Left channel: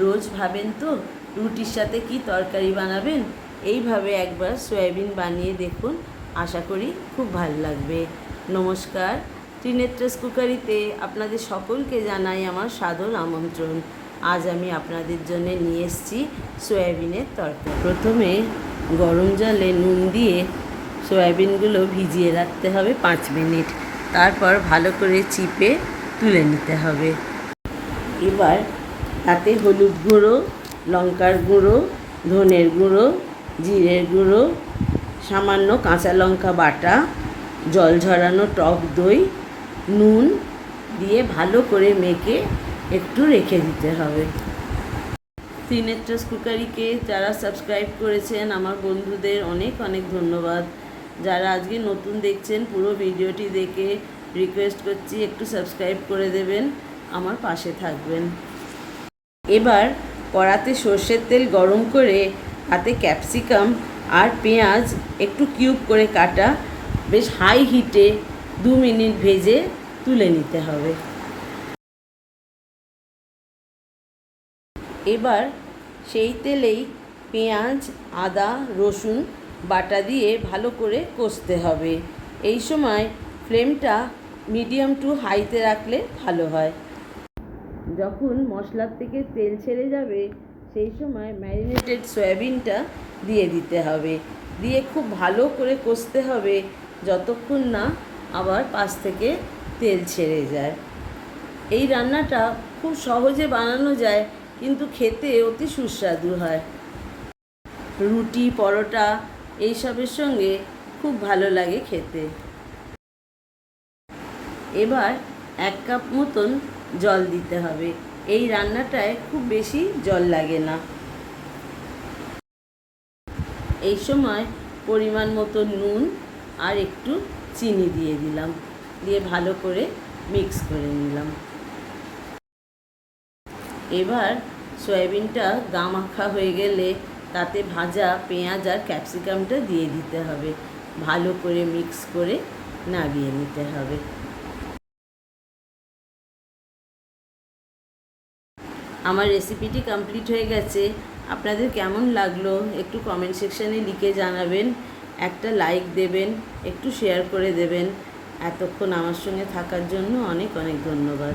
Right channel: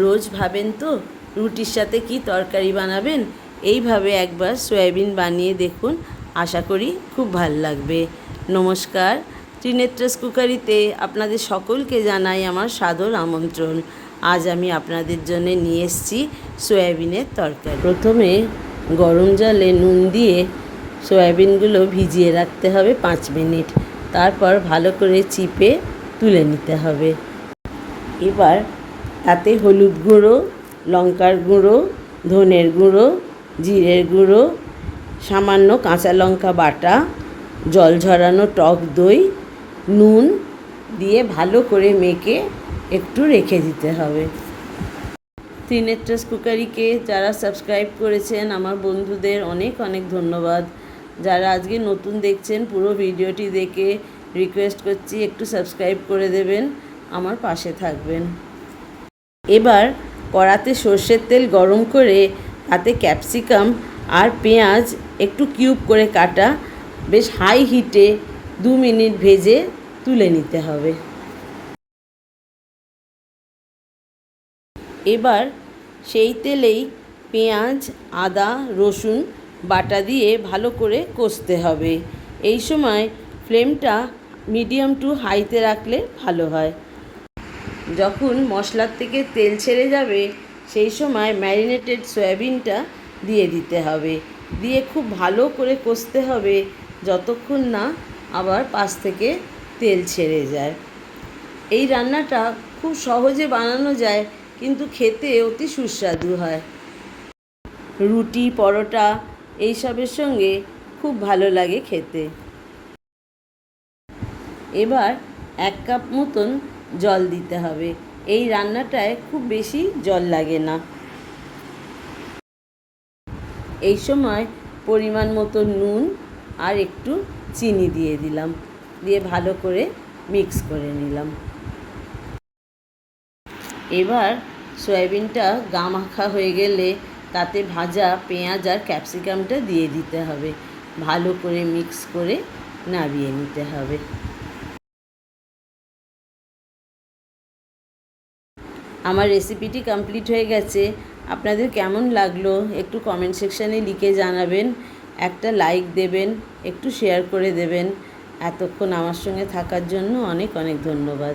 রোজ ভাবেন তো? রুটির সাথে কি তরকারি বানাবেন? এইভাবে একবার সয়াবিন বানিয়ে দেখুন। আশা করি খুব ভালো লাগবে। নমস্কার। ত্রিনেত্রাস কুকারিতে আপনাদের সকলকে জানাই আমার সাদর আমন্ত্রণ। আজ আমি আপনাদের জন্য নিয়ে এসেছি সয়াবিনের তরকারি। প্রথমে গরম জলে নুন দিয়ে সয়াবিনগুলো ভিজিয়ে রাখতে হবে পাঁচ মিনিট। তারপর ভালো করে চিপে তুলে নিতে হবে। এবার তাতে হলুদ গুঁড়ো, লঙ্কার গুঁড়ো, ধনের গুঁড়ো, জিরের গুঁড়ো, সামান্য কাঁচা লঙ্কা বাটা, জল ঝরানো টক দই, নুন দিয়ে ভালো করে মেখে একটু রেখে দিতে হবে। ত্রিনেত্রাস কুকারিকে যারা সাবস্ক্রাইব করেছেন, আমার বন্ধুদের অনেক অনেক ধন্যবাদ। যারা আজকে নতুন দেখছেন, পুরো ভিডিওটি দেখে রিকোয়েস্ট করছি একটু সাবস্ক্রাইব করে দেবেন, আমার পাশে থাকবেন। এবার কড়াতে সর্ষের তেল গরম করে তাতে ক্যাপসিকাম আর পেঁয়াজ একটু কিউব করে কাটা, বেশ হাই হিটে দু মিনিট ভেজে তুলে নিতে হবে। এবার সেই তেলেই পেঁয়াজ, আদা, রসুন, বাটা দিয়ে ভালো করে কষতে হবে। এই সময় ফ্লেমটা মিডিয়াম টু হাইতে রাখলে ভালো হয়। যখন মশলার থেকে তেল ছেড়ে যাবে, সেই সময় ম্যারিনেটেড সয়াবিনটা দিয়ে দিতে হবে। দিয়ে খুব ভালো করে কষতে হবে, যতক্ষণ না আবার পাশ থেকে তেল ছেড়ে যায়। এই রান্নাটা খুব সহজে বানানো যায়, কিন্তু খেতে অতি সুস্বাদু হয়। রুটি, পরোটা এইসবের সঙ্গে খুব ভালো লাগে খেতে। এবার এক কাপ মতন জল দিতে হবে। এই রান্নাটায় খুব বেশি জল লাগে না। এই সময় পরিমাণ মতো নুন আর একটু চিনি দিয়ে দিলাম। দিয়ে ভালো করে মিক্স করে নিলাম। এবার সয়াবিনটা গা মাখা হয়ে গেলে তাতে ভাজা পেঁয়াজ আর ক্যাপসিকামটা দিয়ে দিতে হবে। ভালো করে মিক্স করে নামিয়ে নিতে হবে। আমার রেসিপিটি কমপ্লিট হয়ে গেছে। আপনাদের কেমন লাগল একটু কমেন্ট সেকশানে লিখে জানাবেন। একটা লাইক দেবেন, একটু শেয়ার করে দেবেন। এতক্ষণ আমার সঙ্গে থাকার জন্য অনেক অনেক ধন্যবাদ।